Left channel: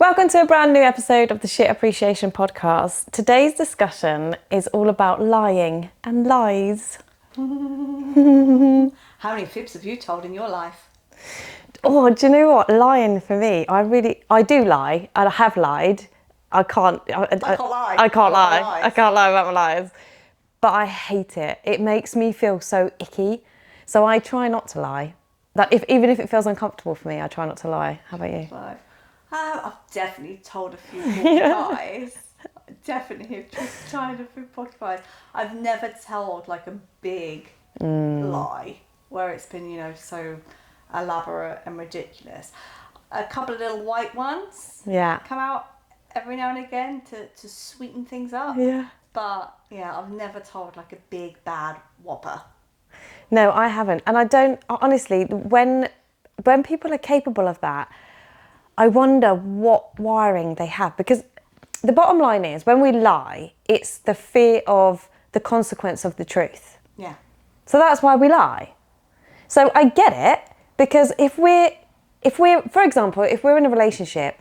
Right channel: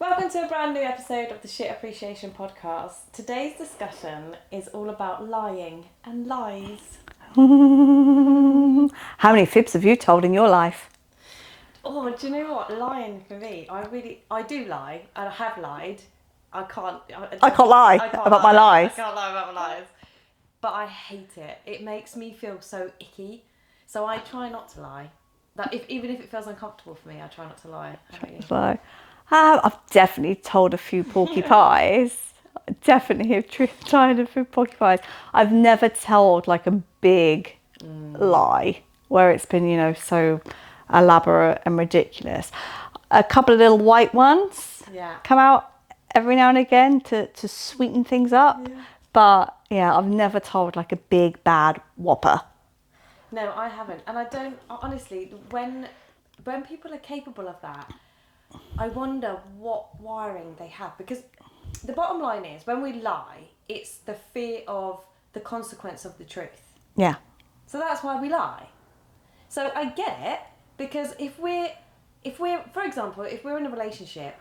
Welcome to a brand new episode of the Shit Appreciation Podcast. Today's discussion is all about lying and lies. How many fibs have you told in your life? Oh, do you know what? Lying for me, I do lie, and I have lied. I can't lie. I can't lie about my lies. I can't lie about my lies. But I hate it. It makes me feel so icky. So I try not to lie. Like even if it feels uncomfortable for me, I try not to lie. How about you? So, I've definitely told a few porky pies. Definitely have tried a few porky pies. I've never told like a big lie where it's been, so elaborate and ridiculous. A couple of little white ones come out every now and again to sweeten things up. Yeah. But I've never told like a big bad whopper. No, I haven't. And I don't, honestly, when people are capable of that, I wonder what wiring they have. Because the bottom line is, when we lie, it's the fear of the consequence of the truth. Yeah. So that's why we lie. So I get it, because if we're, for example, if we're in a relationship,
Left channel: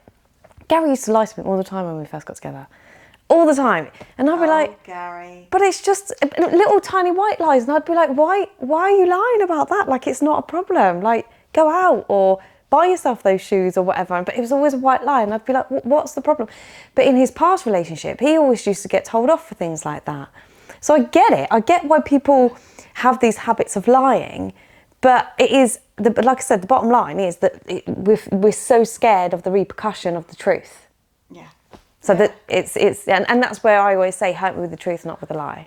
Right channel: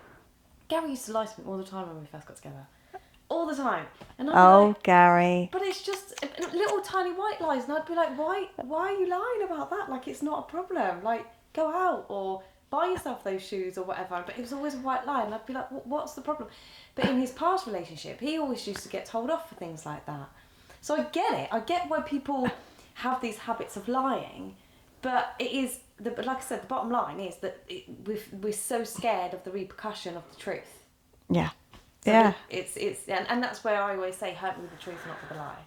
Gary used to lie to me all the time when we first got together. All the time. And I'd be like, Gary. But it's just little tiny white lies. And I'd be like, why are you lying about that? Like, it's not a problem. Like, go out or buy yourself those shoes or whatever. But it was always a white lie. And I'd be like, what's the problem? But in his past relationship, he always used to get told off for things like that. So I get it. I get why people have these habits of lying. But it is, like I said, the bottom line is that we're so scared of the repercussion of the truth. Yeah. So that it's and that's where I always say, hurt me with the truth, not with a lie.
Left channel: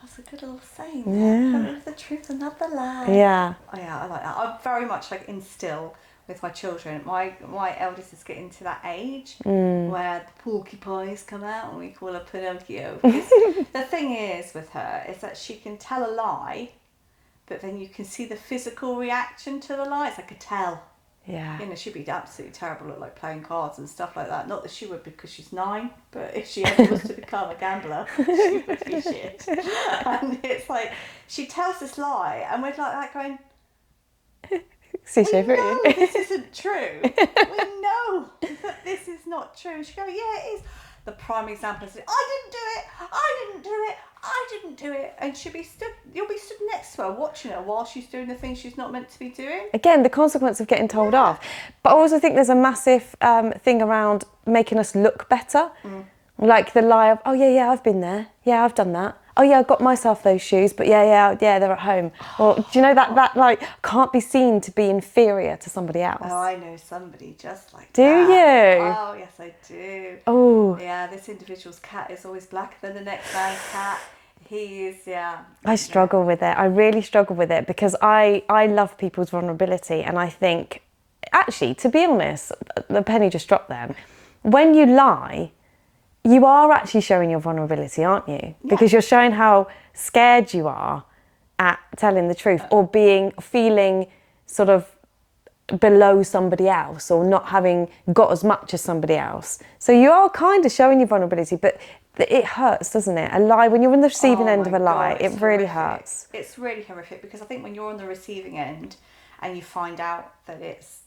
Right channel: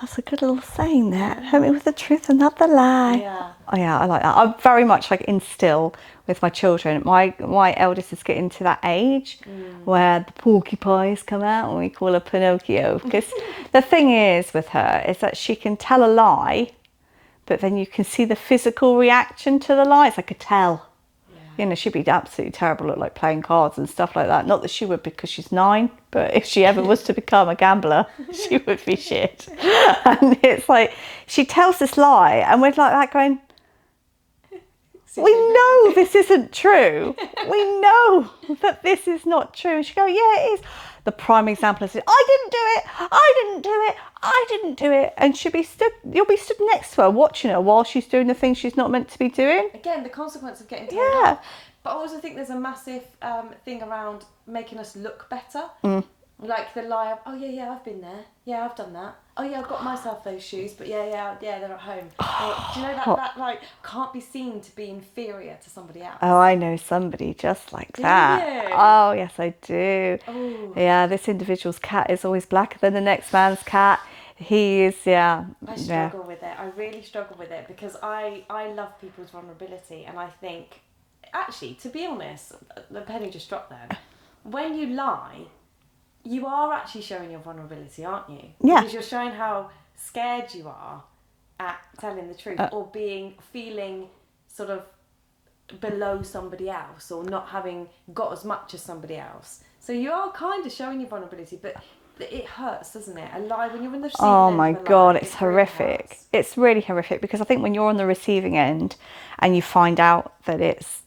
That's a good little saying there. Yeah. Hurt me with the truth and not the lie. Yeah. Oh yeah, I like that. I very much like instill with my children. My eldest is getting to that age where the porcupines come out and we call her Pinocchio. Because the thing is with her is that she can tell a lie, but then you can see the physical reaction to the lie. It's like a tell. Yeah. She'd be absolutely terrible at like playing cards and stuff like that. Not that she would, because she's 9, but if she ever was to become a gambler, she would be shit. And it's like, she tells this lie and we're like that going, we know this isn't true. We know that this is not true. And she go, yeah, it is. The prime example is, I didn't do it. And you'll be stood next to her, watching her while she's doing the things she's not meant to be doing. Again, the consequence of getting told off. But I also think there's a massive thing around making us look better. Like the lie of, oh yeah, I've been there. Yeah, I've done that. Oh yeah, I got myself those shoes, but yeah, they're at home. Or do you know that like can't be seen to be inferior to somebody else? Oh, I know somebody just like that. Do you? Oh, yes, I do. Oh. Yeah, this individual's cat is always blacker than the next man's cat. He is, I struggle with it. I really struggle with it because I love people's vulnerability, and I think, actually, to be honest, the penny just dropped then. When you lie, you are actually showing your vulnerability, aren't you? Yeah. Because you're showing how scared you are at telling the truth or feeling sort of below somebody else or not having got as much as somebody else. So you are kind of showing your vulnerability, but it hurts, doesn't it? A lie, when you're on the receiving end of a lie, it's it really horrific. hurts. It's really horrific because I think when you're on the receiving end and you find out that it's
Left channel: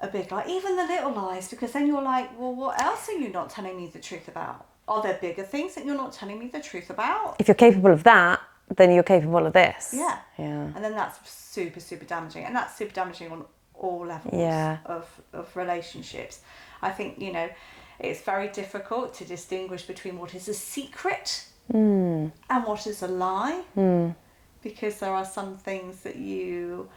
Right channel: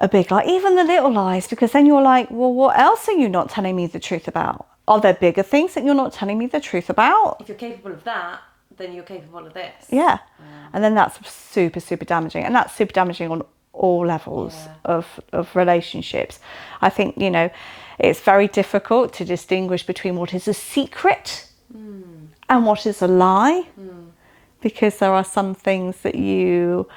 a big lie, even the little lies, because then you're like, well, what else are you not telling me the truth about? Are there bigger things that you're not telling me the truth about? If you're capable of that, then you're capable of this. Yeah. And then that's super, super damaging. And that's super damaging on all levels of relationships. I think, it's very difficult to distinguish between what is a secret and what is a lie, because there are some things that you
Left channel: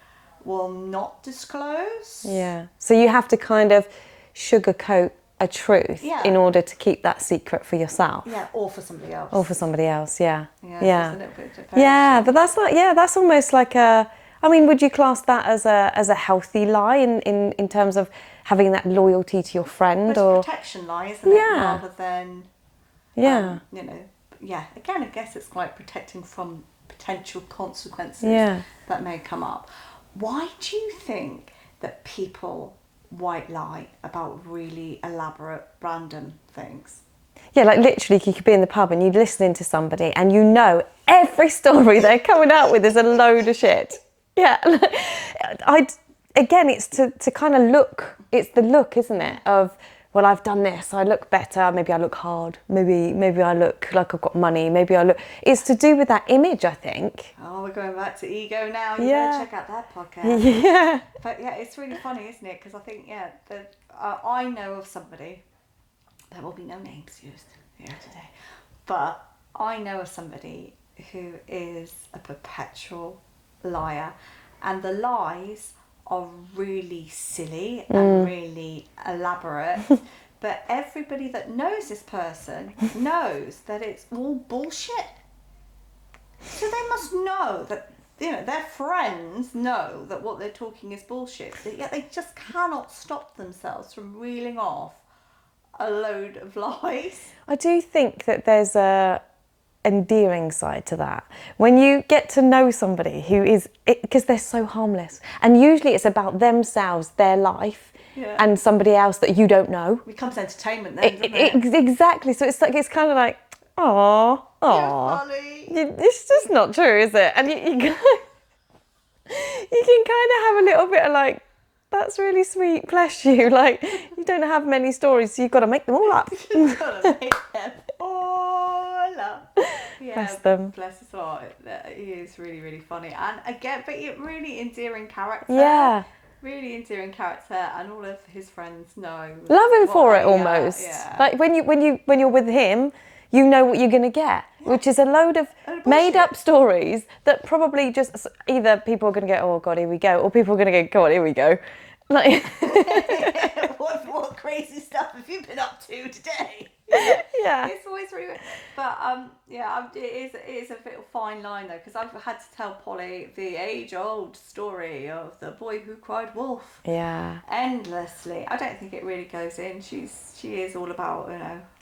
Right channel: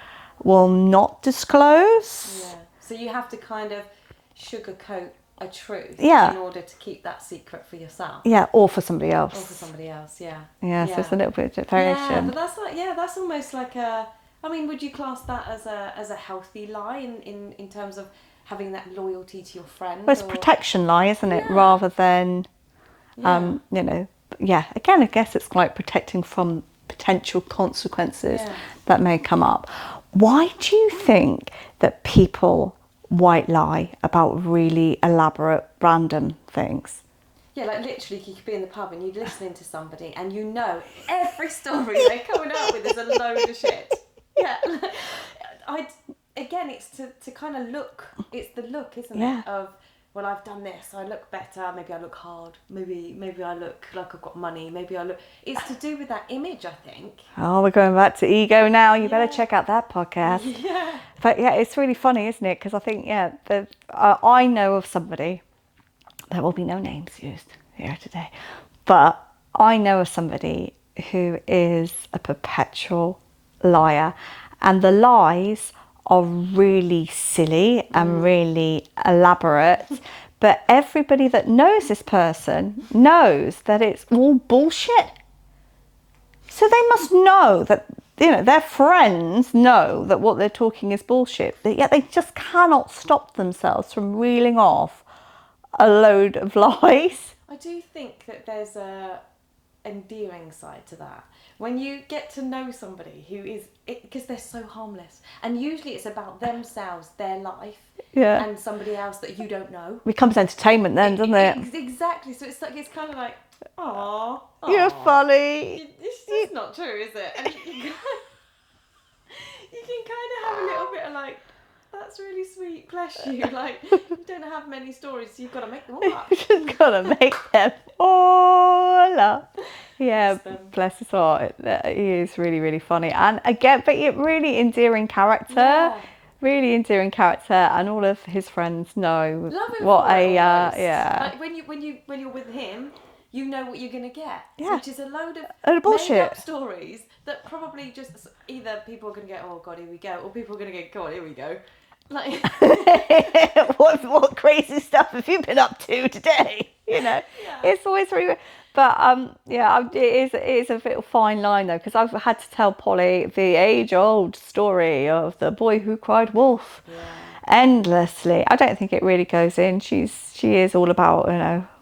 will not disclose. Yeah. So you have to kind of sugarcoat a truth in order to keep that secret for yourself. Yeah, or for somebody else. Yeah. So it's a little bit of variation. Yeah, but that's not, that's almost like would you class that as a healthy lie in terms of having that loyalty to your friend? Well, it's a protection lie, isn't it? Rather than, again, I guess it's like protecting from potential consequences that may come up. Why do you think that people white lie about really elaborate, random things? Yeah, like literally you could be in the pub and you're listening to somebody and you know every story they're coming out with is a load of shit. Yeah. again, it's to kind of look. It's the look, isn't it? Of, well, I've done this. I look better. Maybe I look hard. Maybe I look like I've got money. Maybe I look. It's to do with that image, I think. Oh, we're going back to ego now. You Yeah. better check out that podcast. Yeah. But yeah, it's really funny, isn't it? Because I think, I know of somebody, there will be no names used here today, but I know of somebody who is a perpetual liar, and the lies are really silly and really elaborate. But everybody that knows this person knows that it's all bullshit. So they must know that, their friends know that what they're talking is bullshit, but yet they just cannot stop themselves from reeling off a load of lies. I do think that there's a endearing side to that. When you get to know somebody who is, because they're so harmless, and usually it's about themselves, their life, and somebody else that you don't know. It becomes entertainment then, doesn't it? Exactly. So it's kind of like, oh, you're funny. It's just not true, is it? And you can kind of have a little bit of like, that's really sweet, bless you. Like, you don't have many stories, so you've got to make them all up. You've got to make them all up. Yeah, Bless them. Bless his heart. He is really, really funny. And again, but really endearing character. Yeah. Really endearing character, and all of his friends know. Love him for it almost. Yeah. Like when you're with him, you know what you're going to get, which is a load of bullshit. made up stories that probably just either people are going to go, oh God, here we go, or people are going to go, God, here we go. Like, what crazy stuff have you been up to today? Yeah. It's always really weird. But it is a bit fine line though, because I've had to tell Polly the age-old story of the boy who cried wolf. Yeah. Endlessly. I don't think it really goes in. She is all about,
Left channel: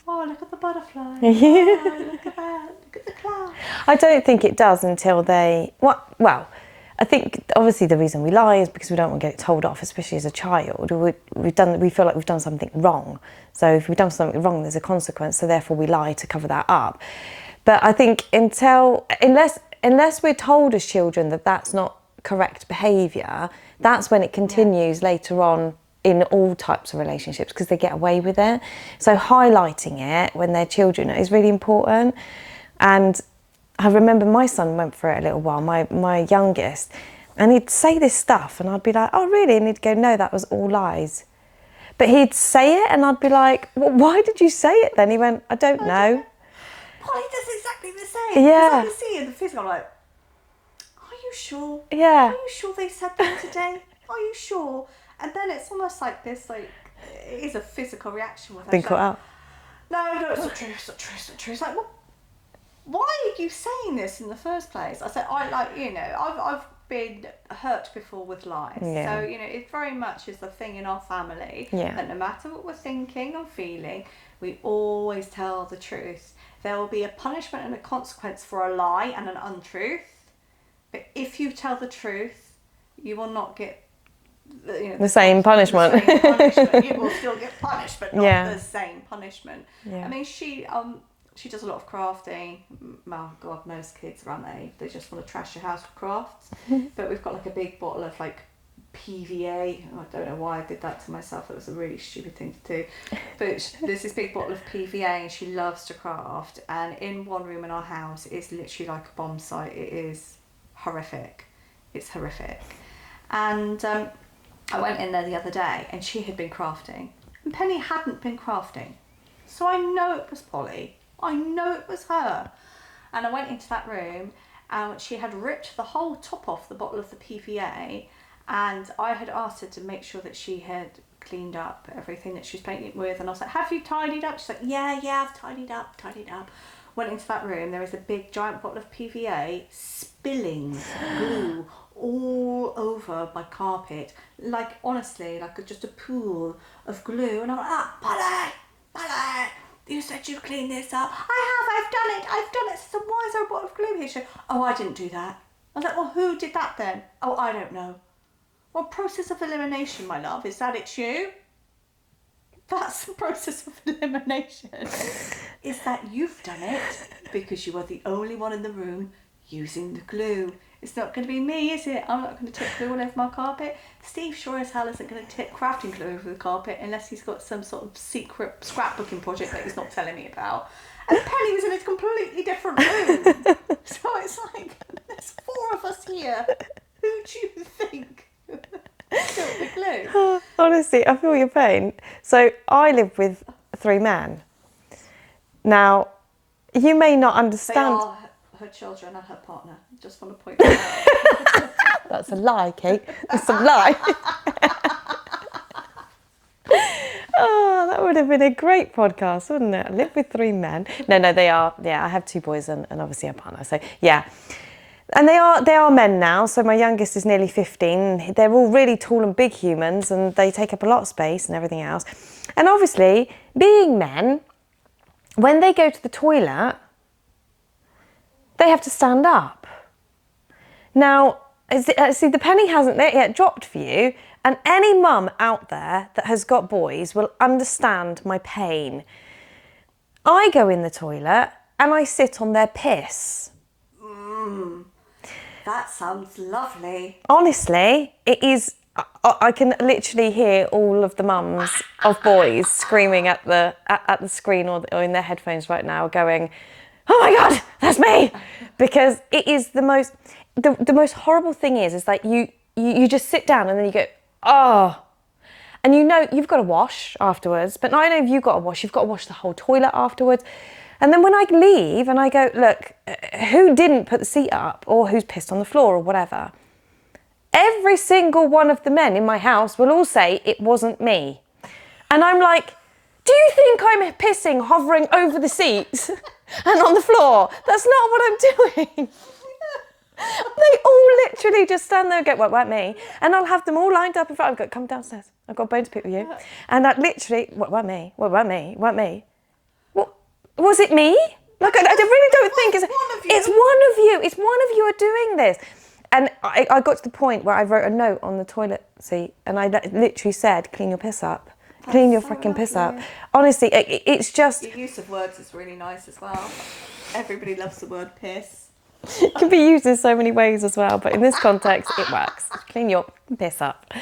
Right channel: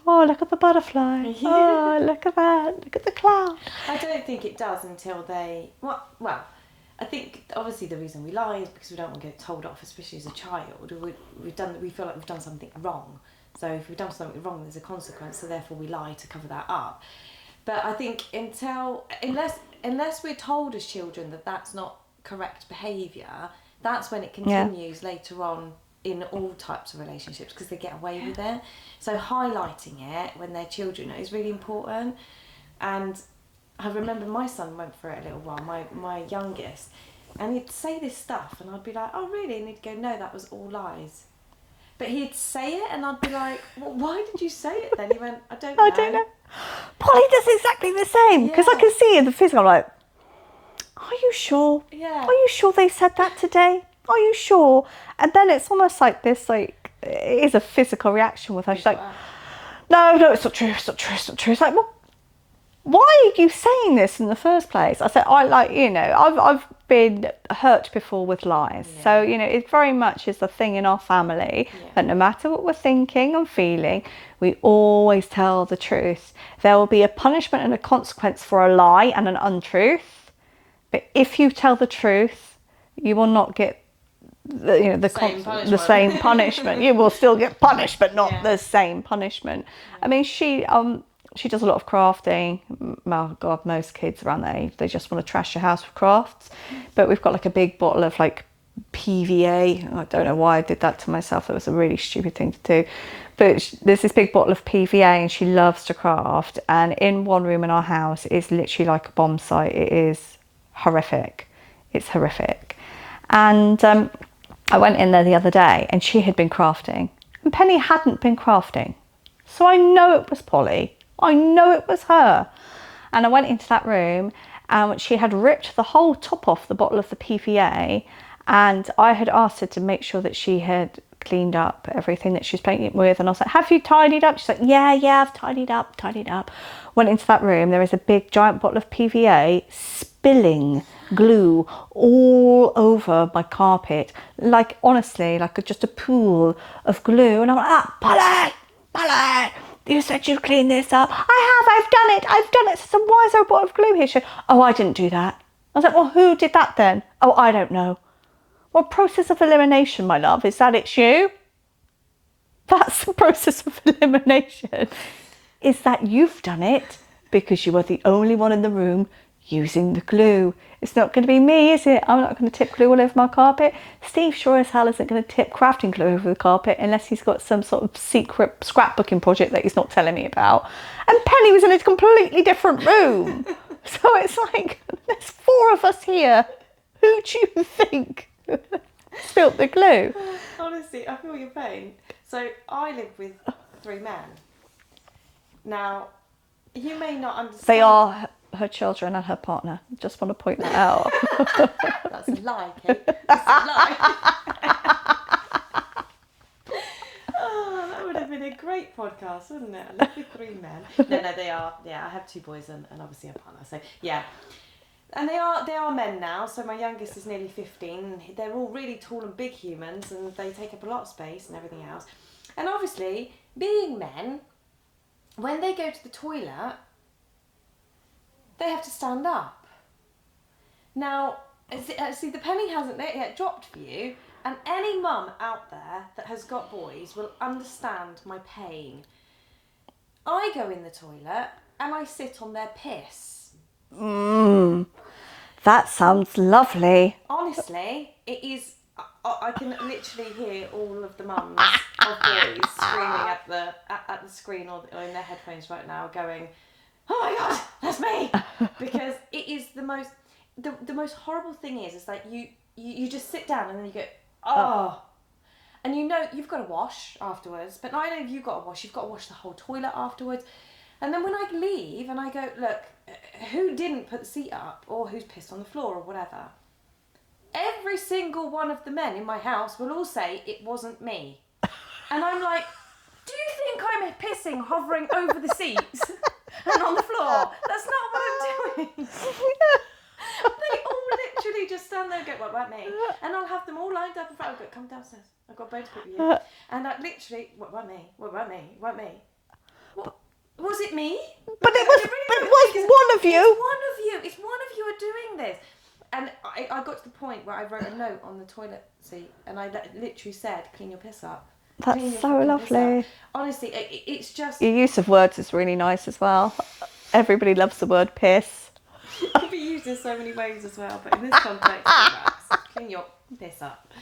oh, look at the butterfly. Oh, look at that. Look at the cloud. I don't think it does until they, well, I think obviously the reason we lie is because we don't want to get it told off, especially as a child. We feel like we've done something wrong. So if we've done something wrong, there's a consequence. So therefore we lie to cover that up. But I think unless we're told as children that that's not correct behaviour, that's when it continues later on in all types of relationships, because they get away with it. So highlighting it when they're children is really important. And I remember my son went for it a little while, my youngest, and he'd say this stuff and I'd be like, oh really? And he'd go, no, that was all lies. But he'd say it and I'd be like, well, why did you say it then? He went, I don't know. Polly does exactly the same. Because I can see in the physical, I'm like, are you sure? Yeah. Are you sure they said that today? Are you sure? And then it's almost like this, like, it is a physical reaction with her. She's like, no, it's not true, it's not true, it's not true. It's like, well, why are you saying this in the first place? I said, I've been hurt before with lies. Yeah. So, it very much is the thing in our family that no matter what we're thinking and feeling, we always tell the truth. There will be a punishment and a consequence for a lie and an untruth. But if you tell the truth, you will not get the same punishment. The same punishment. You will still get punished, but not the same punishment. Yeah. I mean, she does a lot of crafting. Oh God, most kids around that age, they just want to trash your house with crafts. But we've got like a big bottle of like PVA. I don't know why I did that to myself. It was a really stupid thing to do. But there's this big bottle of PVA and she loves to craft. And in one room in our house is literally like a bomb site. It is horrific. It's horrific. And I went in there the other day and she had been crafting. And Penny hadn't been crafting. So I know it was Polly. I know it was her. And I went into that room and she had ripped the whole top off the bottle of the PVA, and I had asked her to make sure that she had cleaned up everything that she was playing with. And I was like, have you tidied up? She's like, yeah, I've tidied up. Went into that room. There is a big giant bottle of PVA spilling glue all over my carpet. Like, honestly, like just a pool of glue. And I'm like, Polly, you said you'd clean this up. I've done it. So why is there a bottle of glue here? She said, oh, I didn't do that. I was like, well, who did that then? Oh, I don't know. Well, process of elimination, my love. Is that it's you? That's the process of elimination. Is that you've done it because you were the only one in the room using the glue. It's not going to be me, is it? I'm not going to tip glue all over my carpet. Steve sure as hell isn't going to tip crafting glue over the carpet unless he's got some sort of secret scrapbooking project that he's not telling me about. And Penny was in a completely different room. So it's like, there's 4 of us here. Who do you think spilt the glue? Honestly, I feel your pain. So I live with 3 men. Now, you may not understand. They are her children and her partner. Just want to point that out. That's a lie, Kate. That's a lie. Oh, that would have been a great podcast, wouldn't it? I live with 3 men. No, they are. Yeah, I have 2 boys and obviously a partner. So yeah, and they are men now. So my youngest is nearly 15. They're all really tall and big humans, and they take up a lot of space and everything else. And obviously, being men, when they go to the toilet, they have to stand up. Now, see, the penny hasn't yet dropped for you, and any mum out there that has got boys will understand my pain. I go in the toilet and I sit on their piss. That sounds lovely. Honestly, it is. I can literally hear all of the mums of boys screaming at the screen or in their headphones right now, going, "Oh my God, that's me!" Because it is the most horrible thing is that you just sit down and then you go, oh, and you know you've got to wash afterwards. But not only have you got to wash, you've got to wash the whole toilet afterwards. And then when I leave and I go, look, who didn't put the seat up or who's pissed on the floor or whatever? Every single one of the men in my house will all say it wasn't me. And I'm like, do you think I'm pissing hovering over the seats and on the floor? That's not what I'm doing. They all literally just stand there and go, well, weren't me. And I'll have them all lined up in front. I've got, come downstairs. I've got a bone to pick with you. And I literally, weren't me. Weren't me. What? Was it me? Like, I really don't think it's one of you. It's one of you. It's one of you are doing this. And I got to the point where I wrote a note on the toilet seat and I literally said, clean your piss up. Clean your freaking piss up. Honestly, it's just... Your use of words is really nice as well. Everybody loves the word piss. It can be used in so many ways as well, but in this context, it works. Clean your piss up.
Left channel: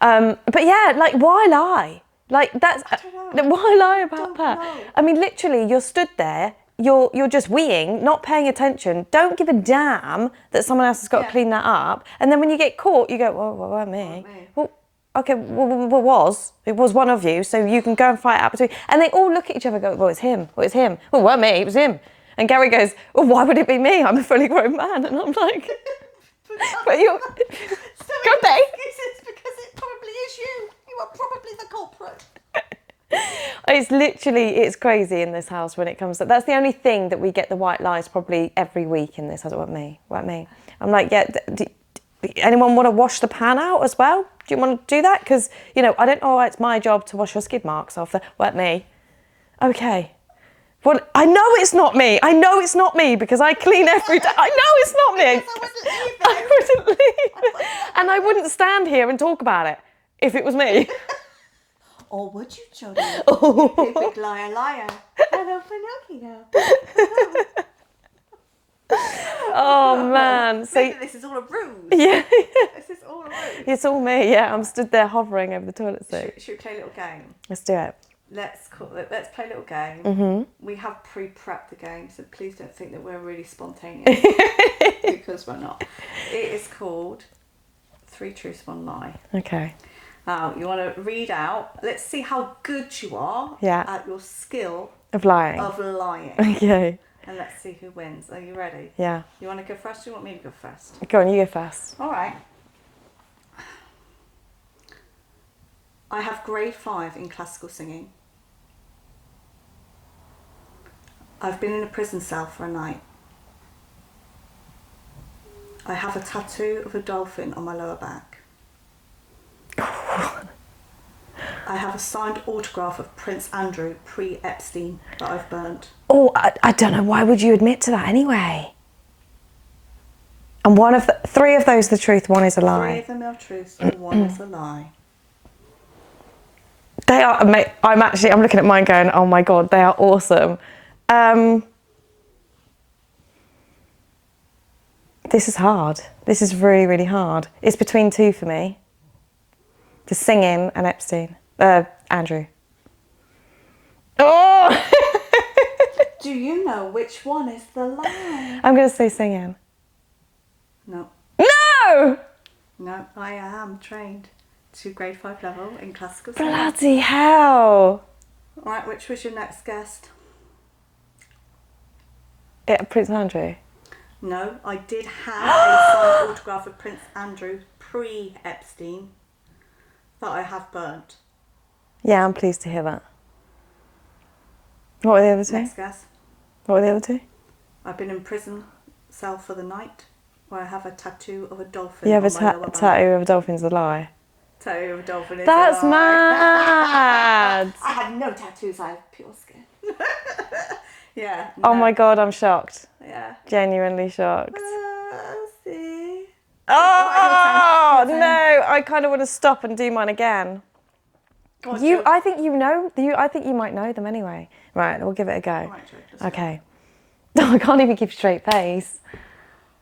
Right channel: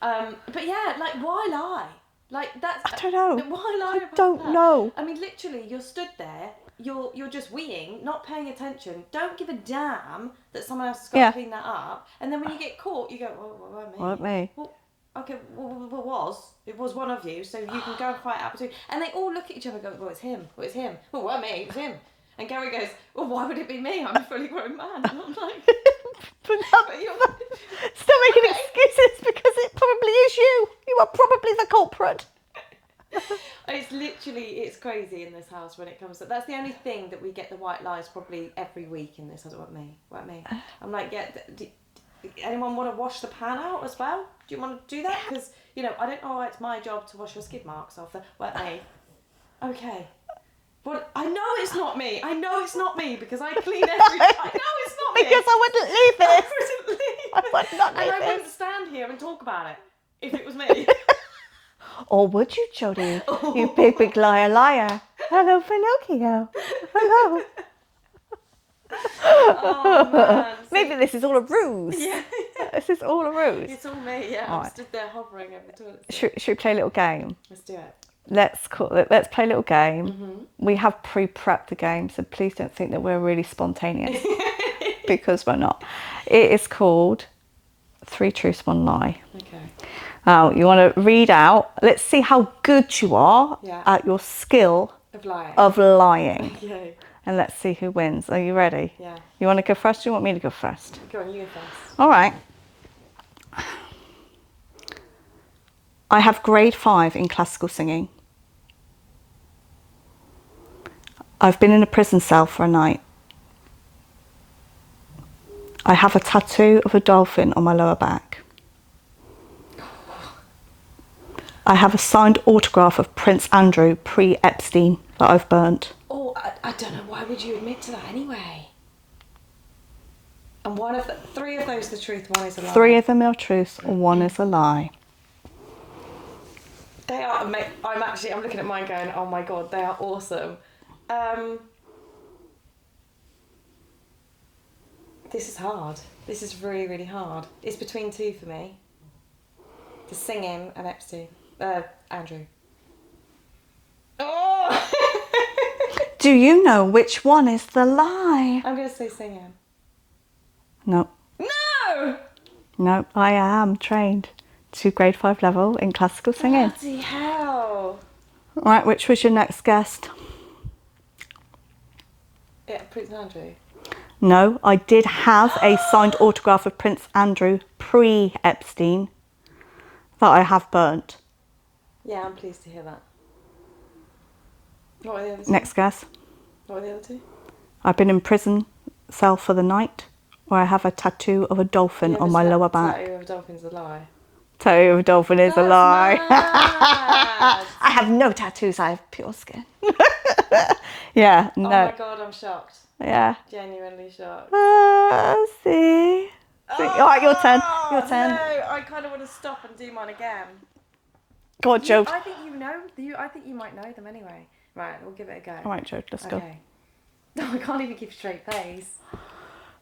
But yeah, like, why lie? Like, that's... I don't know. Why lie about don't that? know. I mean, literally, you're stood there, you're just weeing, not paying attention, don't give a damn that someone else has got to clean that up, and then when you get caught, you go, well, weren't me. Weren't me. Well, okay, it was one of you, so you can go and fight out between. And they all look at each other and go, well, it's him. Well, it weren't me, it was him. And Gary goes, well, why would it be me? I'm a fully grown man. And I'm like, but you're... Stop making excuses because it probably is you. You are probably the culprit. It's crazy in this house when it comes to... That's the only thing that we get the white lies probably every week in this house. Weren't me. I'm like, yeah, anyone want to wash the pan out as well? Do you want to do that? Because, I don't know, it's my job to wash your skid marks off. Weren't me. Okay. Well, I know it's not me. Because I clean every day. I know it's not me. Because I wouldn't leave it. I wouldn't leave. And I wouldn't stand here and talk about it if it was me. Or would you, Jodie? You big liar. Hello, Pinocchio. Oh, man. Maybe this is all a ruse. Yeah. This is all a ruse. It's all me, yeah. Right. I'm stood there hovering over the toilet seat. Should we play a little game? Let's do it. Let's play a little game. Mm-hmm. We have pre-prepped the game, so please don't think that we're really spontaneous because we're not. It is called 3 Truths, 1 Lie. Okay. You want to read out. Let's see how good you are at your skill of lying. Okay. And let's see who wins. Are you ready? Yeah. You want to go first or you want me to go first? Go on, you go first. All right. I have grade 5 in classical singing. I've been in a prison cell for a night. I have a tattoo of a dolphin on my lower back. I have a signed autograph of Prince Andrew pre-Epstein that I've burnt. Oh, I don't know. Why would you admit to that anyway? And 3 of those are the truth, 1 is a lie. 3 of them are truths and 1 is a lie. They are, mate, I'm looking at mine going, oh my God, they are awesome. This is hard. This is really, really hard. It's between two for me. The singing and Epstein. Andrew. Oh! Do you know which one is the lie? I'm going to say singing. No. No! No, I am trained to grade 5 level in classical singing. Bloody hell. Right, which was your next guest? Yeah, Prince Andrew. No, I did have a signed autograph of Prince Andrew pre-Epstein that I have burnt. Yeah, I'm pleased to hear that. What were the other two? Next guess. What were the other two? I've been in prison cell for the night, or I have a tattoo of a dolphin on my lower back. Tattoo of a dolphin's a lie. Tattoo of a dolphin is a That's lie. mad. I have no tattoos, I have pure skin. Yeah. No. Oh my God, I'm shocked. Yeah. Genuinely shocked. See. Oh, Alright, your turn. Your turn. No, I kind of want to stop and do mine again. Go on, Joe. I think you know. I think you might know them anyway. Right, we'll give it a go. All right, Joe, let's go. Okay. No, I can't even give straight face.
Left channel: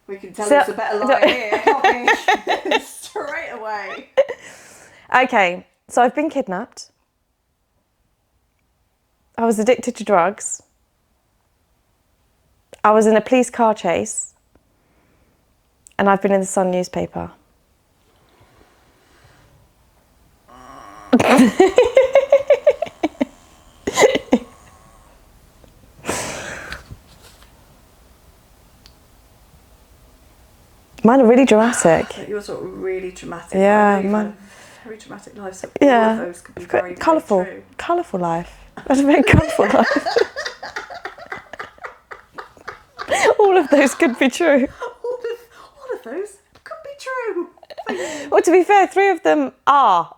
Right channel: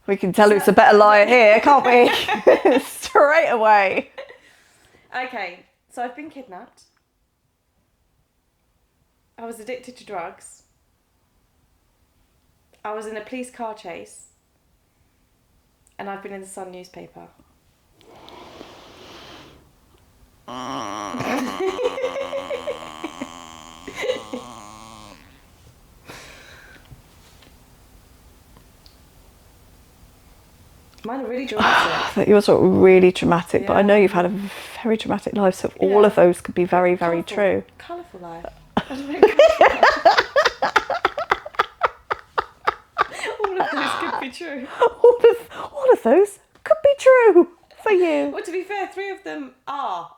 We can tell it's a better lie here, can't we? Straight away. Okay, so I've been kidnapped. I was addicted to drugs. I was in a police car chase. And I've been in the Sun newspaper. Mine are really dramatic. Yours are really dramatic, Yeah, but I know you've had a very dramatic life, so all of those could be very, very colourful, true. Colourful life. I had a very colourful life. All of those could be true. All of those could be true for you. Well, to be fair, 3 of them are.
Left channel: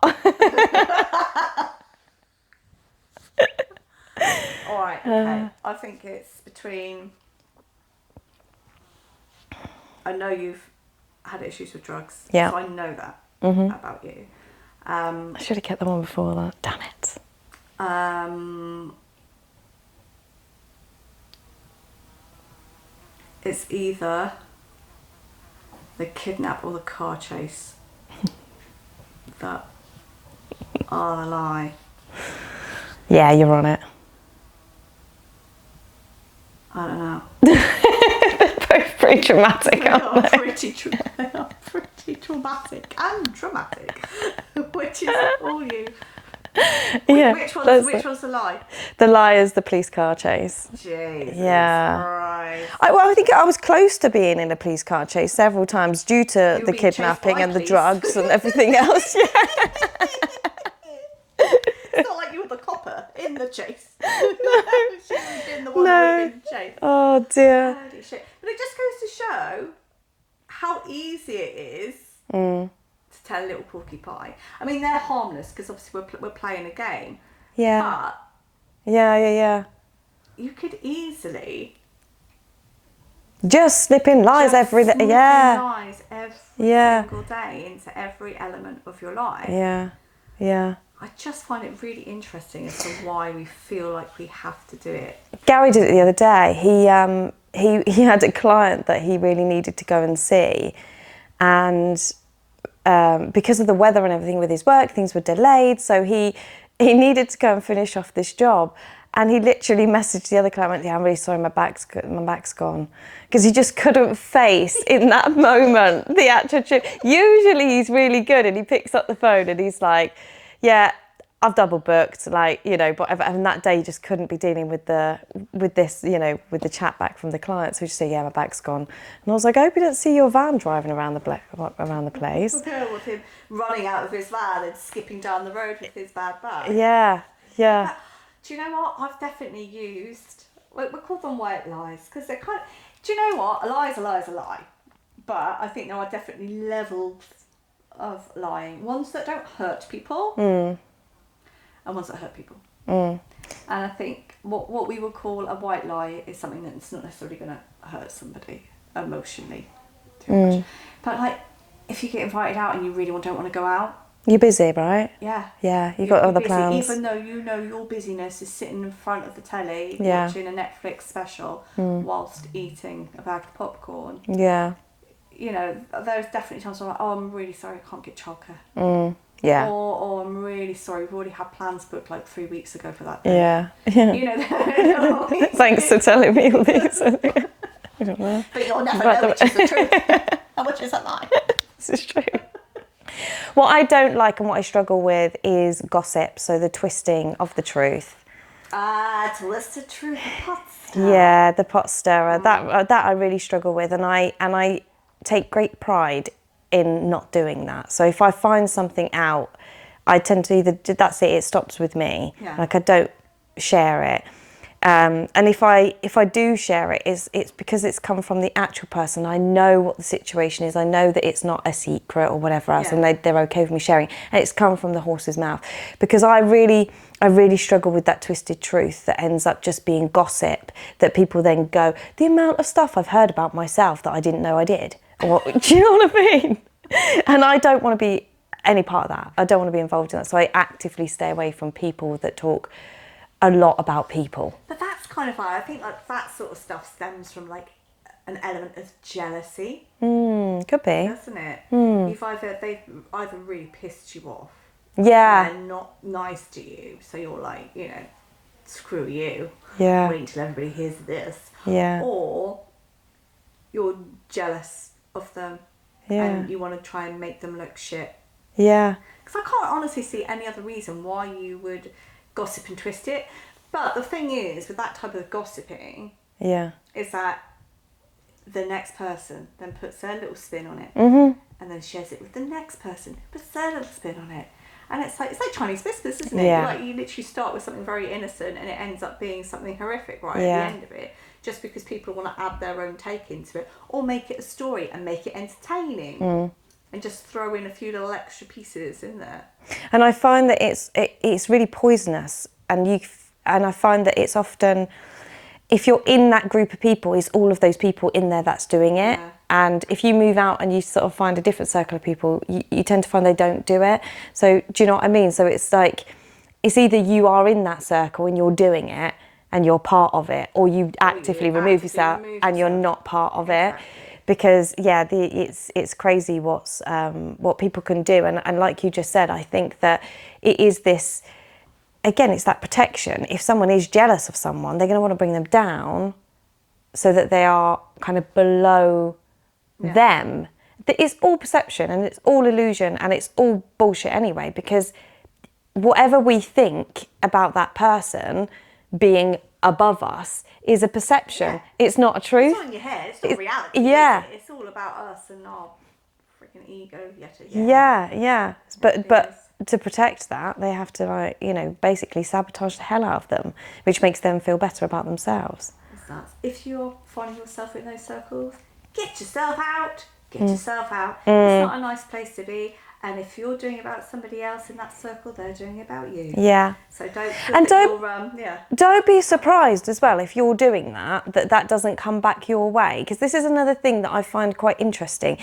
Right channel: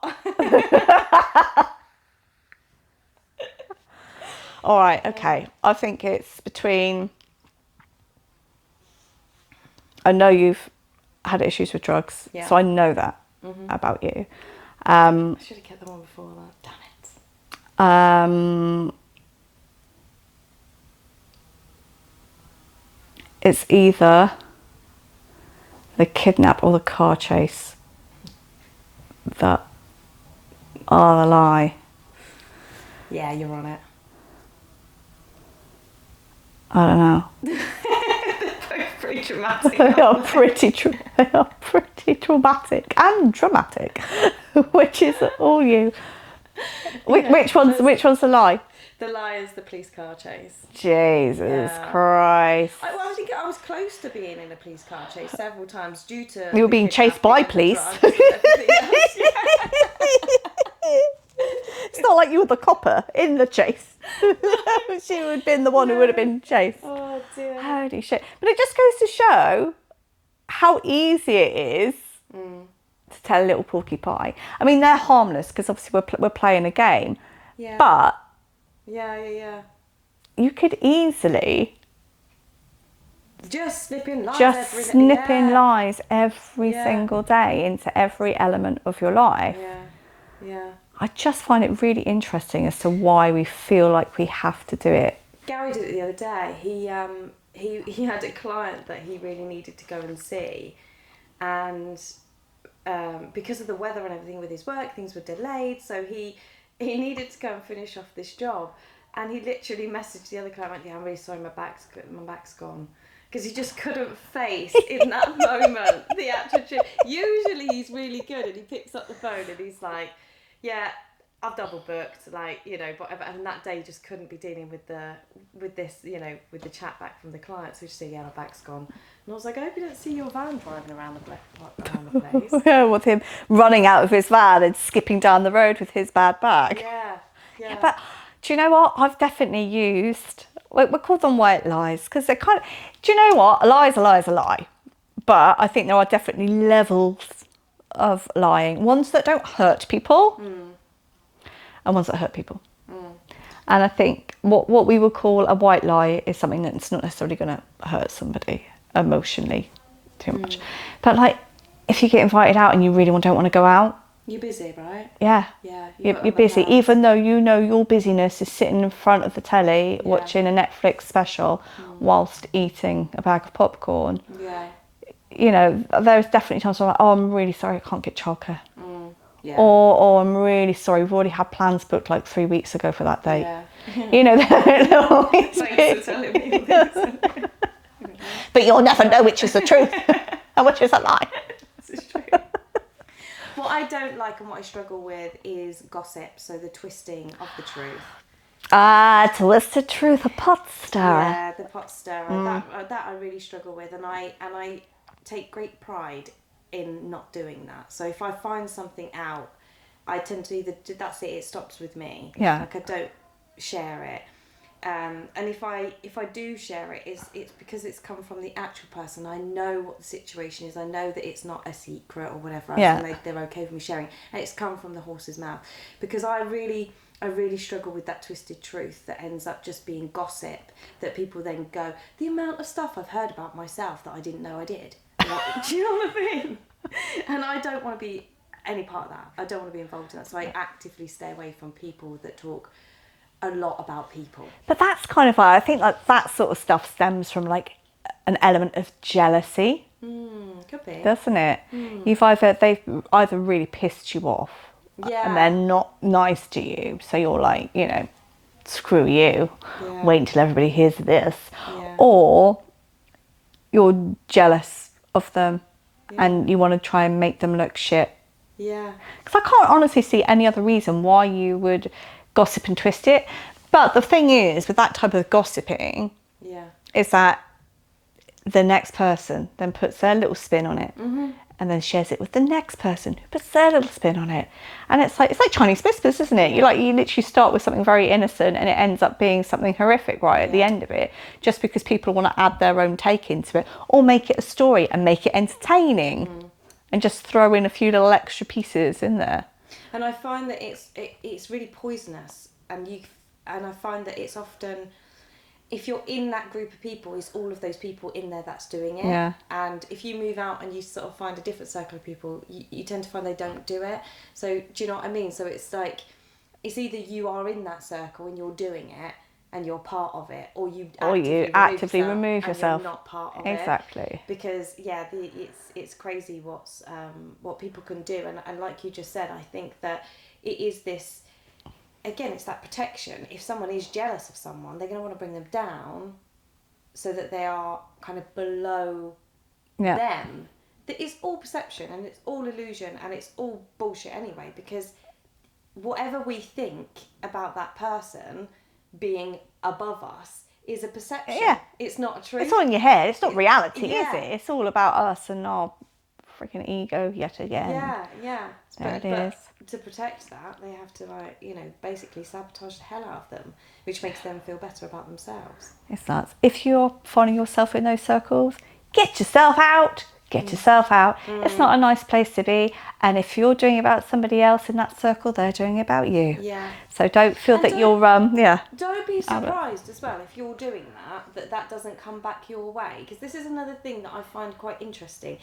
All right, okay. I think it's between... I know you've had issues with drugs, Yeah. so I know that about you. I should have kept the one before that. Damn it. It's either the kidnap or the car chase that are a lie. Yeah, you're on it. I don't know. Both pretty dramatic. They are pretty traumatic and dramatic, which is all you. Yeah, which one's the lie? The lie is the police car chase. Jesus Yeah. Christ. I think I was close to being in a police car chase several times due to You were the being chased kidnapping by and police. the drugs and everything else. It's not like you were the copper in the chase. She would have been the one who would have been chased. Oh dear. Holy shit. But it just goes to show how easy it is to tell a little porcupine. I mean, they're harmless because obviously we're playing a game. Yeah. But Yeah. you could easily Just snipping lies every day. snipping Yeah. lies every Yeah. single day into every element of your life. Yeah. I just find it really interesting as to why we feel like we have to do it. Gary did it the other day. He had a client that he really needed to go and see, and because of the weather and everything with his work, things were delayed. So he needed to go and finish off this job, and he literally messaged the other client, went, "Yeah, I'm really sorry, my back's gone," because he just couldn't face in that moment the actual truth. Usually he's really good, and he picks up the phone and he's like, "Yeah, I've double booked, like, you know," but and that day he just couldn't be dealing with this, you know, with the chat back from the client. So he just said, "Yeah, my bag's gone." And I was like, "I hope you don't see your van driving around the place." Yeah, with him running out of his van and skipping down the road with his bad bag. Yeah. But do you know what? I've definitely used, we call them white lies, because they're kind of, do you know what? A lie is a lie is a lie. But I think there are definitely levels of lying. Ones that don't hurt people and ones that hurt people. And I think what we would call a white lie is something that's not necessarily going to hurt somebody emotionally too much. But like, if you get invited out and you really don't want to go out, You're busy, right? yeah, You've got you're other busy, plans. even though you know your busyness is sitting in front of the telly watching a Netflix special whilst eating a bag of popcorn. Yeah. you know, there's definitely times where I'm like, oh, I'm really sorry, I can't get childcare. Yeah. Or, oh, I'm really sorry, we've already had plans booked like 3 weeks ago for that date. Yeah. You know, Thanks for telling me all this. but you'll never know which is the truth and which is a lie. This is true. What I don't like and what I struggle with is gossip, so the twisting of the truth. Twisted truth, a pot stirrer. Yeah, the pot stirrer. That I really struggle with, and I take great pride in not doing that. So if I find something out, I tend to either that's it. It stops with me. Yeah. Like I don't share it. And if I do share it, it's because it's come from the actual person. I know what the situation is. I know that it's not a secret or whatever else, Yeah. and they're okay with me sharing. And it's come from the horse's mouth, because I really struggle with that twisted truth that ends up just being gossip. That people then go, the amount of stuff I've heard about myself that I didn't know I did. Or, do you know what I mean? And I don't want to be any part of that. I don't want to be involved in that. So I actively stay away from people that talk a lot about people. But that's kind of why I think like that sort of stuff stems from like an element of jealousy. Could be. Doesn't it? They've either really pissed you off, Yeah. and they're not nice to you, so you're like, you know, screw you. Yeah. Wait until everybody hears this. Yeah. Or you're jealous of them, Yeah. and you want to try and make them look shit. Yeah. Because I can't honestly see any other reason why you would gossip and twist it. But the thing is, with that type of gossiping, Yeah. is that the next person then puts their little spin on it, and then shares it with the next person who puts their little spin on it. And it's like Chinese whispers, isn't it? Yeah. You literally start with something very innocent and it ends up being something horrific right at the Yeah. end of it, just because people want to add their own take into it or make it a story and make it entertaining and just throw in a few little extra pieces in there. And I find that it's really poisonous, and I find that it's often, if you're in that group of people, it's all of those people in there that's doing it. Yeah. And if you move out and you sort of find a different circle of people, you tend to find they don't do it. So do you know what I mean? So it's like, it's either you are in that circle and you're doing it and you're part of it, or you actively remove yourself and you're not part of Exactly. it. Because yeah, it's crazy what people can do. And like you just said, I think that it is this, again, it's that protection. If someone is jealous of someone, they're going to want to bring them down so that they are kind of below them. It's all perception and it's all illusion and it's all bullshit anyway, because whatever we think about that person being above us is a perception. Yeah. It's not a truth. It's all in your head. It's not reality, yeah. is it? It's all about us and our freaking ego yet again. Yeah. There it But is. to protect that, they have to, basically sabotage the hell out of them, which makes them feel better about themselves. It's nuts. If you're finding yourself in those circles, get yourself out. Get yourself out. It's not a nice place to be. And if you're doing it about somebody else in that circle, they're doing it about you. Yeah. So don't feel And that you're, Don't be surprised as well if you're doing that doesn't come back your way. Because this is another thing that I find quite interesting,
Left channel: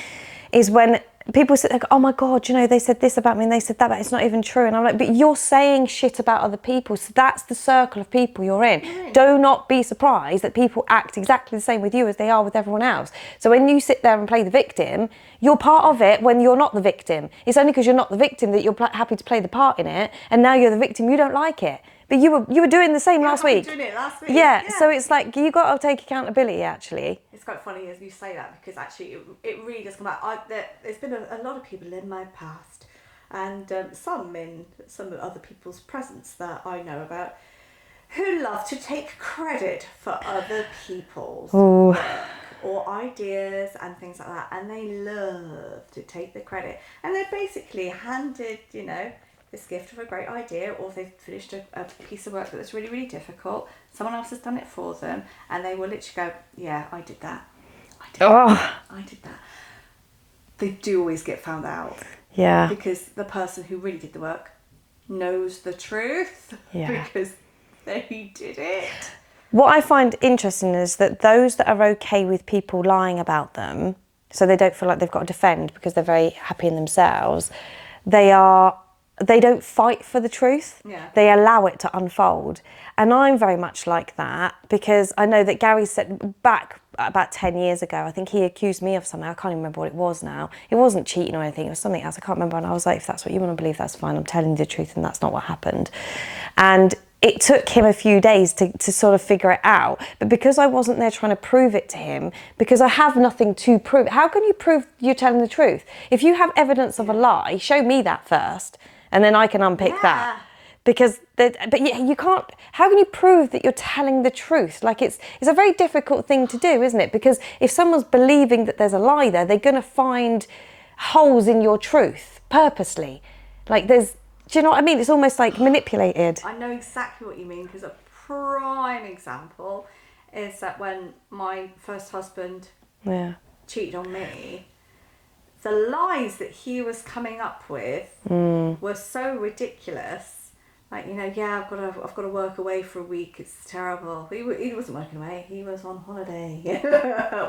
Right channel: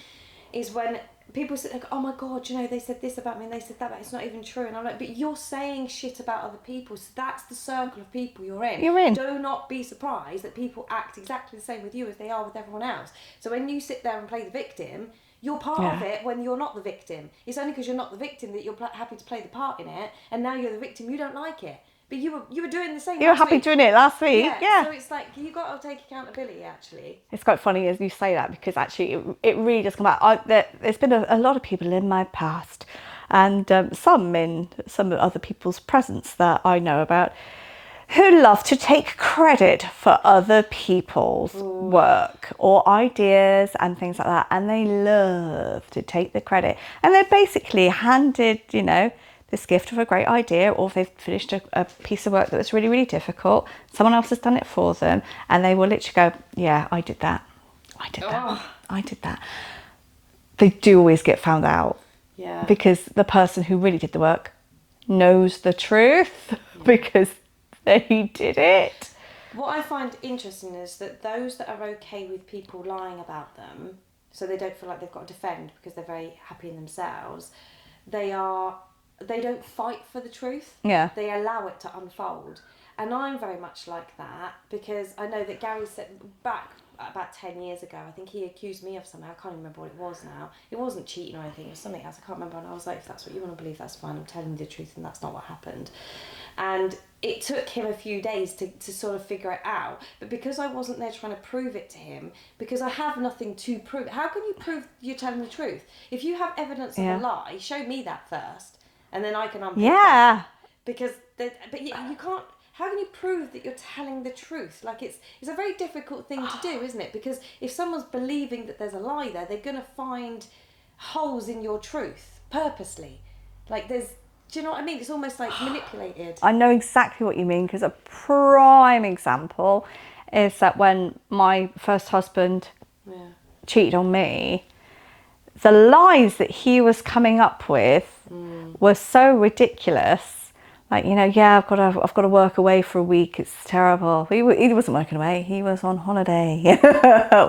is when people say, like, oh my God, they said this about me and they said that, but it's not even true. And I'm like, but you're saying shit about other people. So that's the circle of people you're in. You're in. Do not be surprised that people act exactly the same with you as they are with everyone else. So when you sit there and play the victim, you're part of it when you're not the victim. It's only because you're not the victim that you're happy to play the part in it. And now you're the victim, you don't like it. But you were doing the same last week. You were happy doing it last week. Yeah, so it's like, you got to take accountability, actually. It's quite funny as you say that, because actually it really does come out. There's been a lot of people in my past, and some in some other people's presence that I know about, who love to take credit for other people's work or ideas and things like that. And they love to take the credit. And they're basically handed, this gift of a great idea, or they've finished a piece of work that was really, really difficult. Someone else has done it for them, and they will literally go, yeah, I did that. I did that. They do always get found out. Yeah. Because the person who really did the work knows the truth because they did it. What I find interesting is that those that are okay with people lying about them, so they don't feel like they've got to defend because they're very happy in themselves, they are they don't fight for the truth. Yeah. They allow it to unfold. And I'm very much like that, because I know that Gary said back about 10 years ago, I think he accused me of something. I can't even remember what it was now. It wasn't cheating or anything. It was something else. I can't remember. And I was like, if that's what you want to believe, that's fine. I'm telling you the truth, and that's not what happened. And it took him a few days to sort of figure it out. But because I wasn't there trying to prove it to him, because I have nothing to prove, how can you prove you're telling the truth? If you have evidence of a lie, show me that first, and then I can unpick that. Because, but you can't, how can you prove that you're telling the truth? Like, it's a very difficult thing to do, isn't it? Because if someone's believing that there's a lie there, they're going to find holes in your truth purposely. Like, do you know what I mean? It's almost like manipulated. I know exactly what you mean, because a prime example is that when my first husband cheated on me, the lies that he was coming up with were so ridiculous. Like, you know, I've got to work away for a week. It's terrible. He wasn't working away. He was on holiday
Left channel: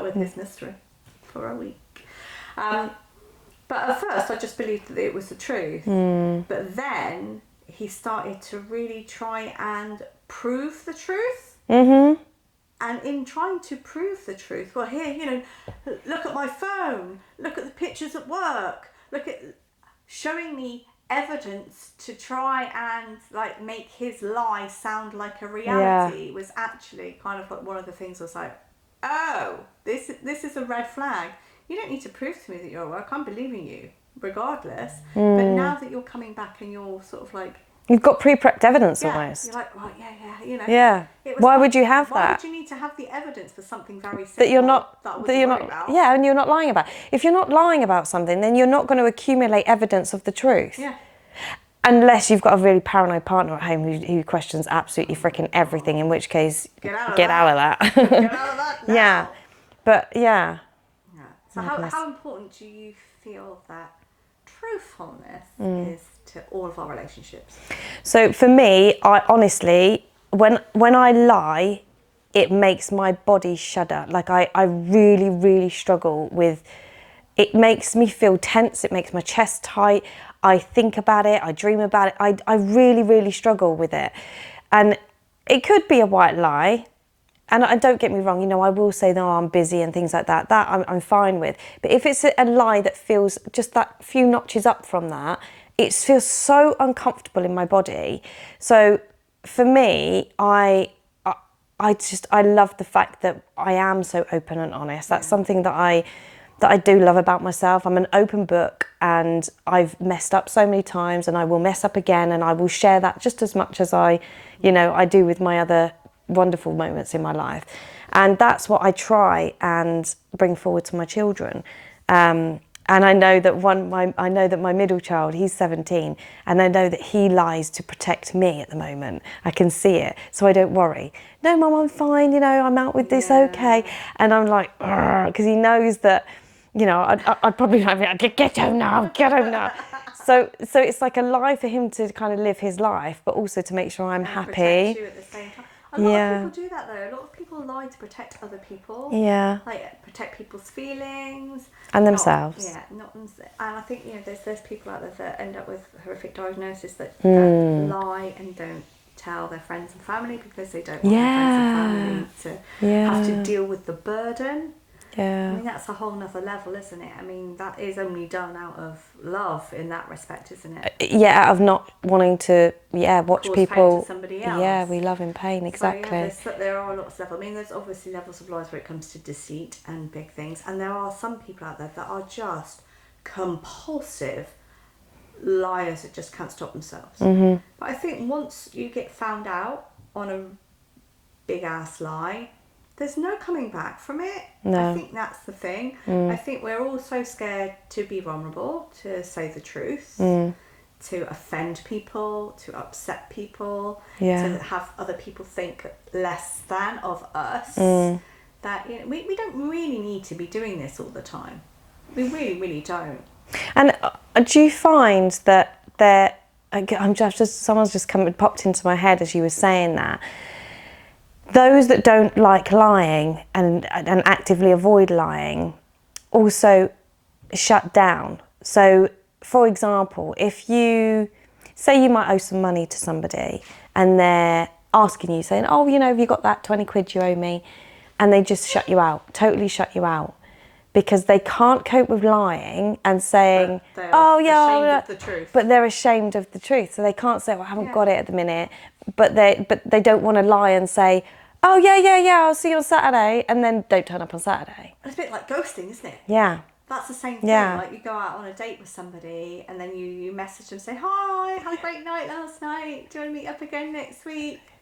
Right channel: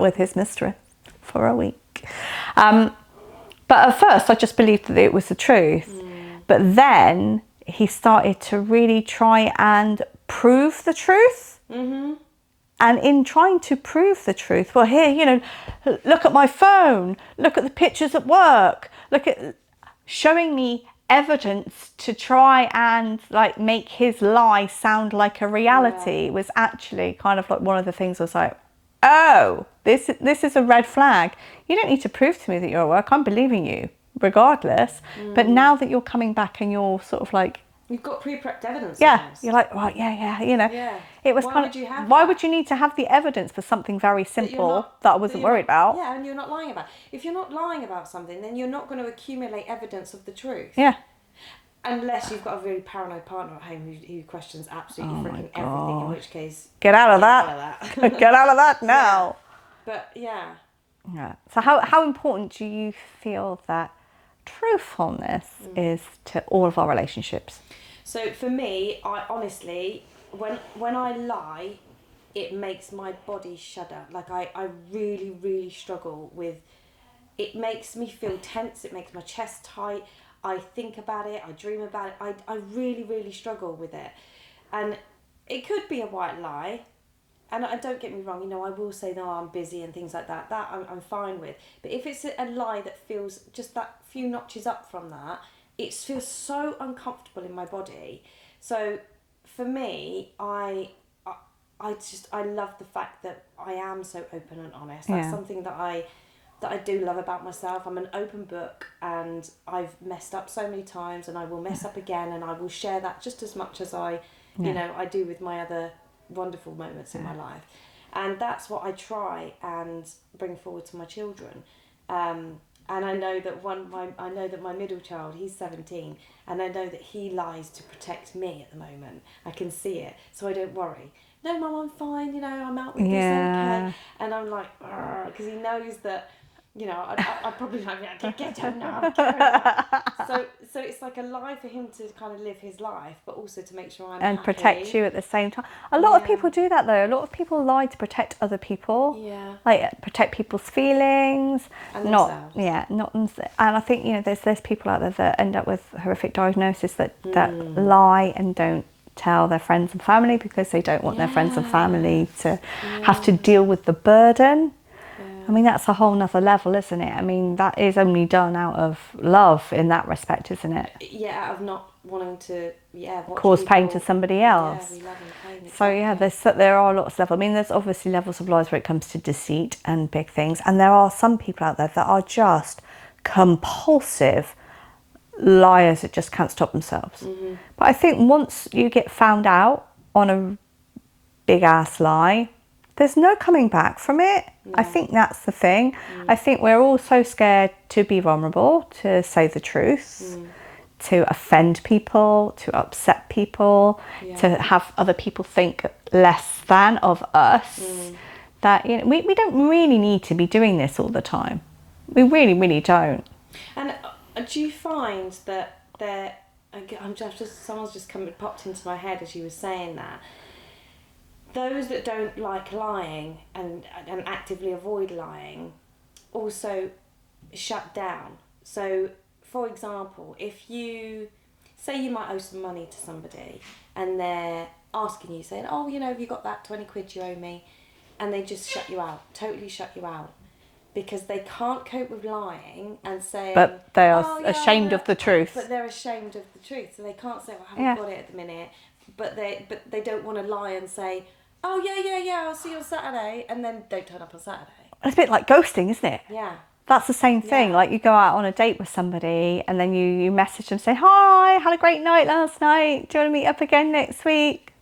with his mistress for a week. But at first, I just believed that it was the truth. But then he started to really try and prove the truth. And in trying to prove the truth, well, here, you know, look at my phone. Look at the pictures at work. Look at showing me evidence to try and like make his lie sound like a reality was actually kind of like one of the things I was like, oh, this is a red flag. You don't need to prove to me that you're at work. I'm believing you regardless. But now that you're coming back and you're sort of like, you've got pre-prepped evidence almost. You're like, right, you know. Yeah. It was why would you have Why that? would you need to have the evidence for something very simple that I wasn't worried about? Yeah, and you're not lying about. If you're not lying about something, then you're not going to accumulate evidence of the truth. Yeah. Unless you've got a really paranoid partner at home who questions absolutely freaking everything, in which case, Get out of get that. out of that. Get out of that now. Yeah. But yeah. So how important do you feel that truthfulness is to all of our relationships? So for me, I honestly, when I lie, it makes my body shudder. Like I really, really struggle with, it makes me feel tense. It makes my chest tight. I think about it. I dream about it. I really, really struggle with it. And it could be a white lie. And don't get me wrong, you know, I will say, no, I'm busy and things like that. That I'm fine with. But if it's a lie that feels just that few notches up from that, it feels so uncomfortable in my body. So for me, I love the fact that I am so open and honest. That's something that I do love about myself. I'm an open book, and I've messed up so many times, and I will mess up again, and I will share that just as much as I do with my other wonderful moments in my life. And that's what I try and bring forward to my children. And I know that my middle child, he's 17, and I know that he lies to protect me at the moment. I can see it, so I don't worry. No, Mum, I'm fine. You know, I'm out with this, okay. And I'm like, because he knows that, you know, I'd probably like, get home now, get home now. So it's like a lie for him to kind of live his life, but also to make sure I'm happy. And protect you at the same time. A lot of people do that though. A lot of people lie to protect other people. Yeah. Like protect people's feelings. And themselves. And I think, you know, there's people out there that end up with horrific diagnosis that lie and don't tell their friends and family because they don't want their friends and family to have to deal with the burden. Yeah. I mean, that's a whole nother level, isn't it? I mean, that is only done out of love in that respect, isn't it? Yeah, out of not wanting to, watch cause people pain to somebody else. Yeah, we love in pain, exactly. So there are lots of levels. I mean, there's obviously levels of lies where it comes to deceit and big things, and there are some people out there that are just compulsive liars that just can't stop themselves. But I think once you get found out on a big ass lie, there's no coming back from it. No. I think that's the thing. I think we're all so scared to be vulnerable, to say the truth, to offend people, to upset people, to have other people think less than of us. That, you know, we don't really need to be doing this all the time. We really, really don't. And do you find that someone's just popped into my head as you were saying that, those that don't like lying and actively avoid lying also shut down. So, for example, if you say you might owe some money to somebody and they're asking you, saying, oh, you know, have you got that 20 quid you owe me? And they just shut you out, totally shut you out. Because they can't cope with lying and saying, But they are oh, yeah, ashamed of the truth. But they're ashamed of the truth. So they can't say, well, I haven't got it at the minute. But they don't want to lie and say, oh, yeah, I'll see you on Saturday. And then don't turn up on Saturday. It's a bit like ghosting, isn't it? Yeah. That's the same thing. Yeah. Like you go out on a date with somebody and then you message them, say, hi, had a great night last night. Do you want to meet up again next week?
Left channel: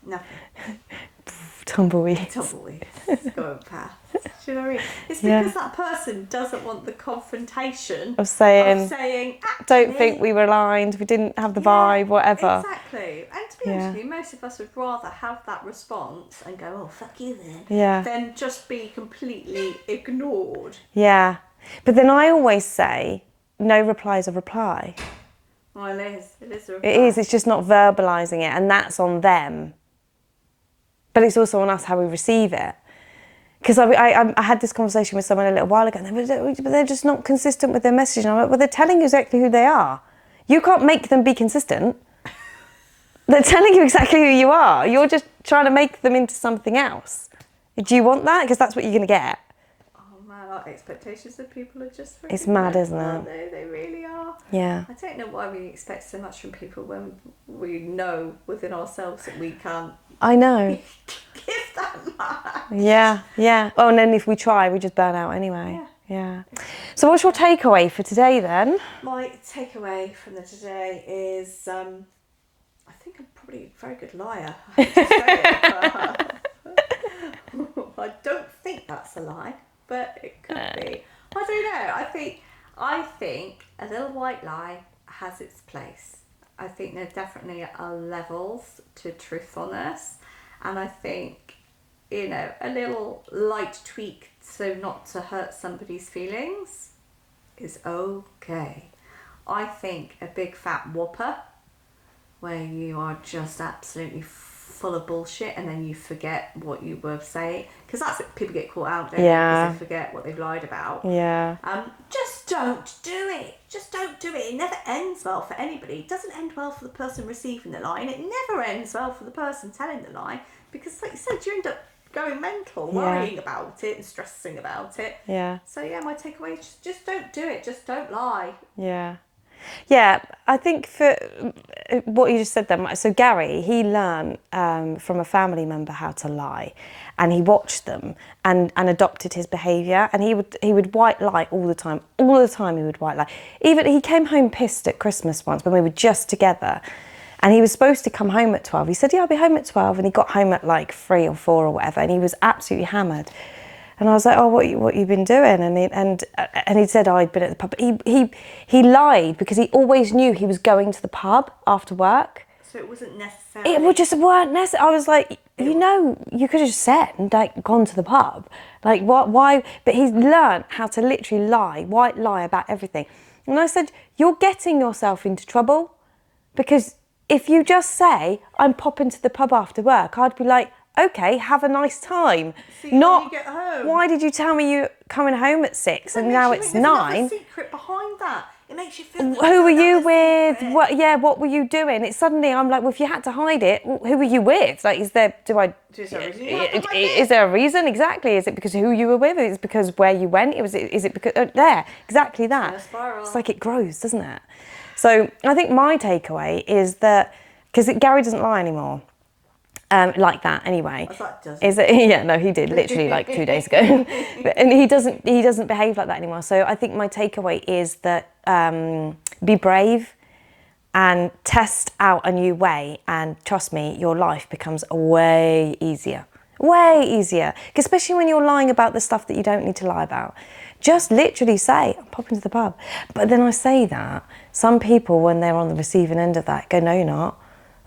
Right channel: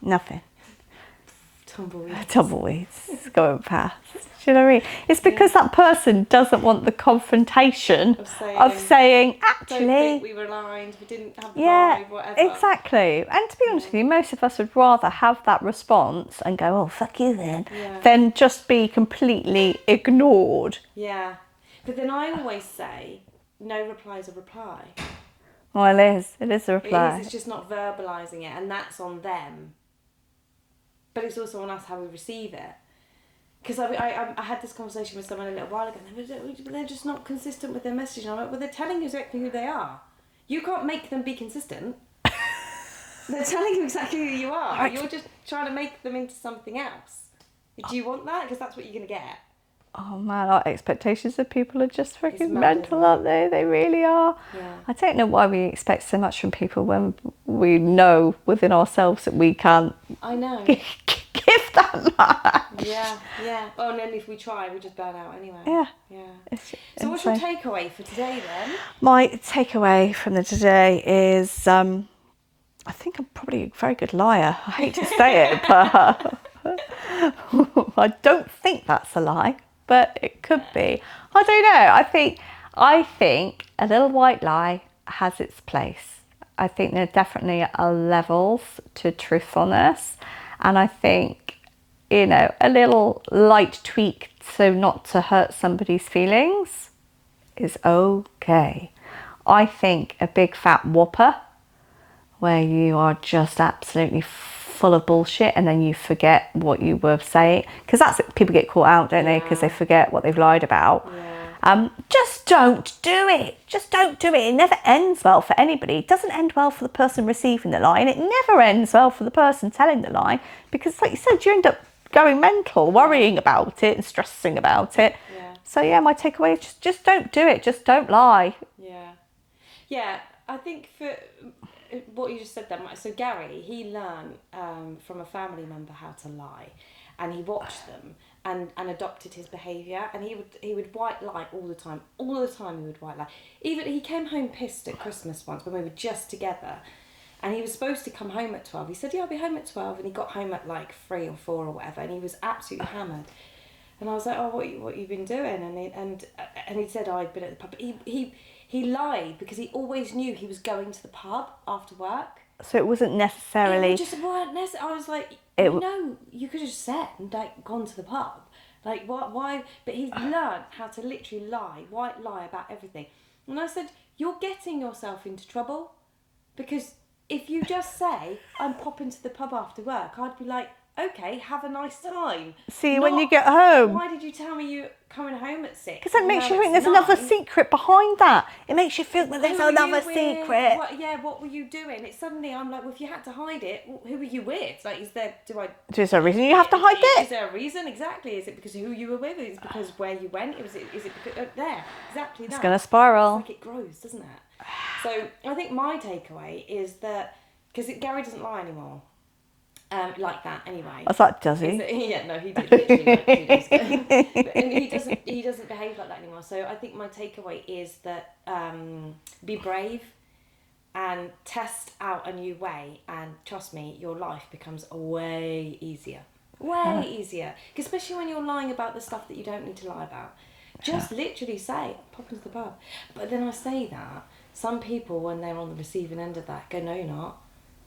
Nothing. Tumbleweeds going past. Do you know what I mean? It's because that person doesn't want the confrontation of saying actually, don't think we were aligned, we didn't have the vibe, whatever. Exactly. And to be honest with you, most of us would rather have that response and go, oh, fuck you then, than just be completely ignored. Yeah. But then I always say, no reply is a reply. Well, it is. It is a reply. It is. It's just not verbalising it, and that's on them. But it's also on us how we receive it. Because I had this conversation with someone a little while ago, and they're just not consistent with their message. And I'm like, well, they're telling you exactly who they are. You can't make them be consistent. They're telling you exactly who you are. You're just trying to make them into something else. Do you want that? Because that's what you're going to get. Oh man, our expectations of people are just freaking It's mad, mental, isn't it? aren't they? They really are. Yeah. I don't know why we expect so much from people when we know within ourselves that we can't. I know. Give that much. Yeah. Oh, and then if we try, we just burn out anyway. Yeah. So what's your takeaway for today then? My takeaway from today is, I think I'm probably a very good liar. I hate to say it, but I don't think that's a lie. But it could be. I don't know. I think a little white lie has its place. I think there definitely are levels to truthfulness. And I think, you know, a little light tweak so not to hurt somebody's feelings is okay. I think a big fat whopper where you are just absolutely full of bullshit and then you forget what you were saying, because that's it, people get caught out, don't they, because they forget what they've lied about. Just don't do it. It never ends well for anybody. It doesn't end well for the person receiving the lie, and it never ends well for the person telling the lie, because like you said, you end up going mental, worrying about it and stressing about it. So my takeaway is just don't do it. Just don't lie. Yeah, I think for what you just said there, so Gary, he learned from a family member how to lie, and he watched them and adopted his behaviour, and he would white lie all the time he would white lie. Even he came home pissed at Christmas once when we were just together, and he was supposed to come home at 12. He said, I'll be home at 12, and he got home at like 3 or 4 or whatever, and he was absolutely hammered. And I was like, oh, what you been doing? And he said, oh, I'd been at the pub. He lied because he always knew he was going to the pub after work. So it wasn't necessarily... It just weren't necessary. I was like, you could have just said and like gone to the pub. Like, what? Why? But he's learnt how to literally white lie about everything. And I said, you're getting yourself into trouble, because if you just say, I'm popping to the pub after work, I'd be like, okay, have a nice time. See you when you get home. Why did you tell me you're coming home at 6? Because it makes you think there's another secret behind that. It makes you feel that who were you with? What were you doing? It's suddenly I'm like, well, if you had to hide it, who were you with? Like, is there a reason you have to hide it? Is there a reason? Exactly. Is it because who you were with? Is it because where you went? Is it because there? Exactly that. It's gonna spiral. It's like it grows, doesn't it? So I think my takeaway is that, because Gary doesn't lie anymore. Like that anyway. I thought, does he? Yeah, no, he did literally like 2 days ago. And he doesn't behave like that anymore. So I think my takeaway is that be brave and test out a new way, and trust me, your life becomes way easier. Way easier. Especially when you're lying about the stuff that you don't need to lie about. Just literally say, I'm popping to the pub. But then I say that, some people, when they're on the receiving end of that, go, no, you're not.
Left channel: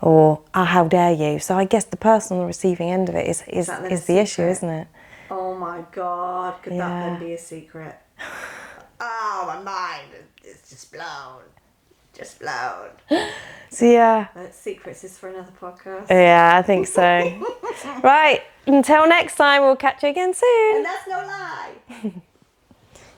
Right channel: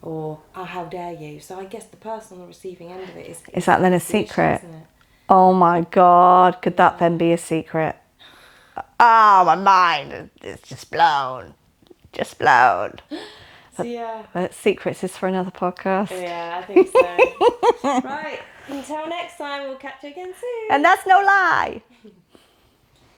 Or, oh, how dare you? So I guess the person on the receiving end of it is that then a the secret, issue, isn't it? Oh my God, could that then be a secret? Oh, my mind is just blown. So yeah. But secrets is for another podcast. Yeah, I think so. Right, until next time, we'll catch you again soon. And that's no lie.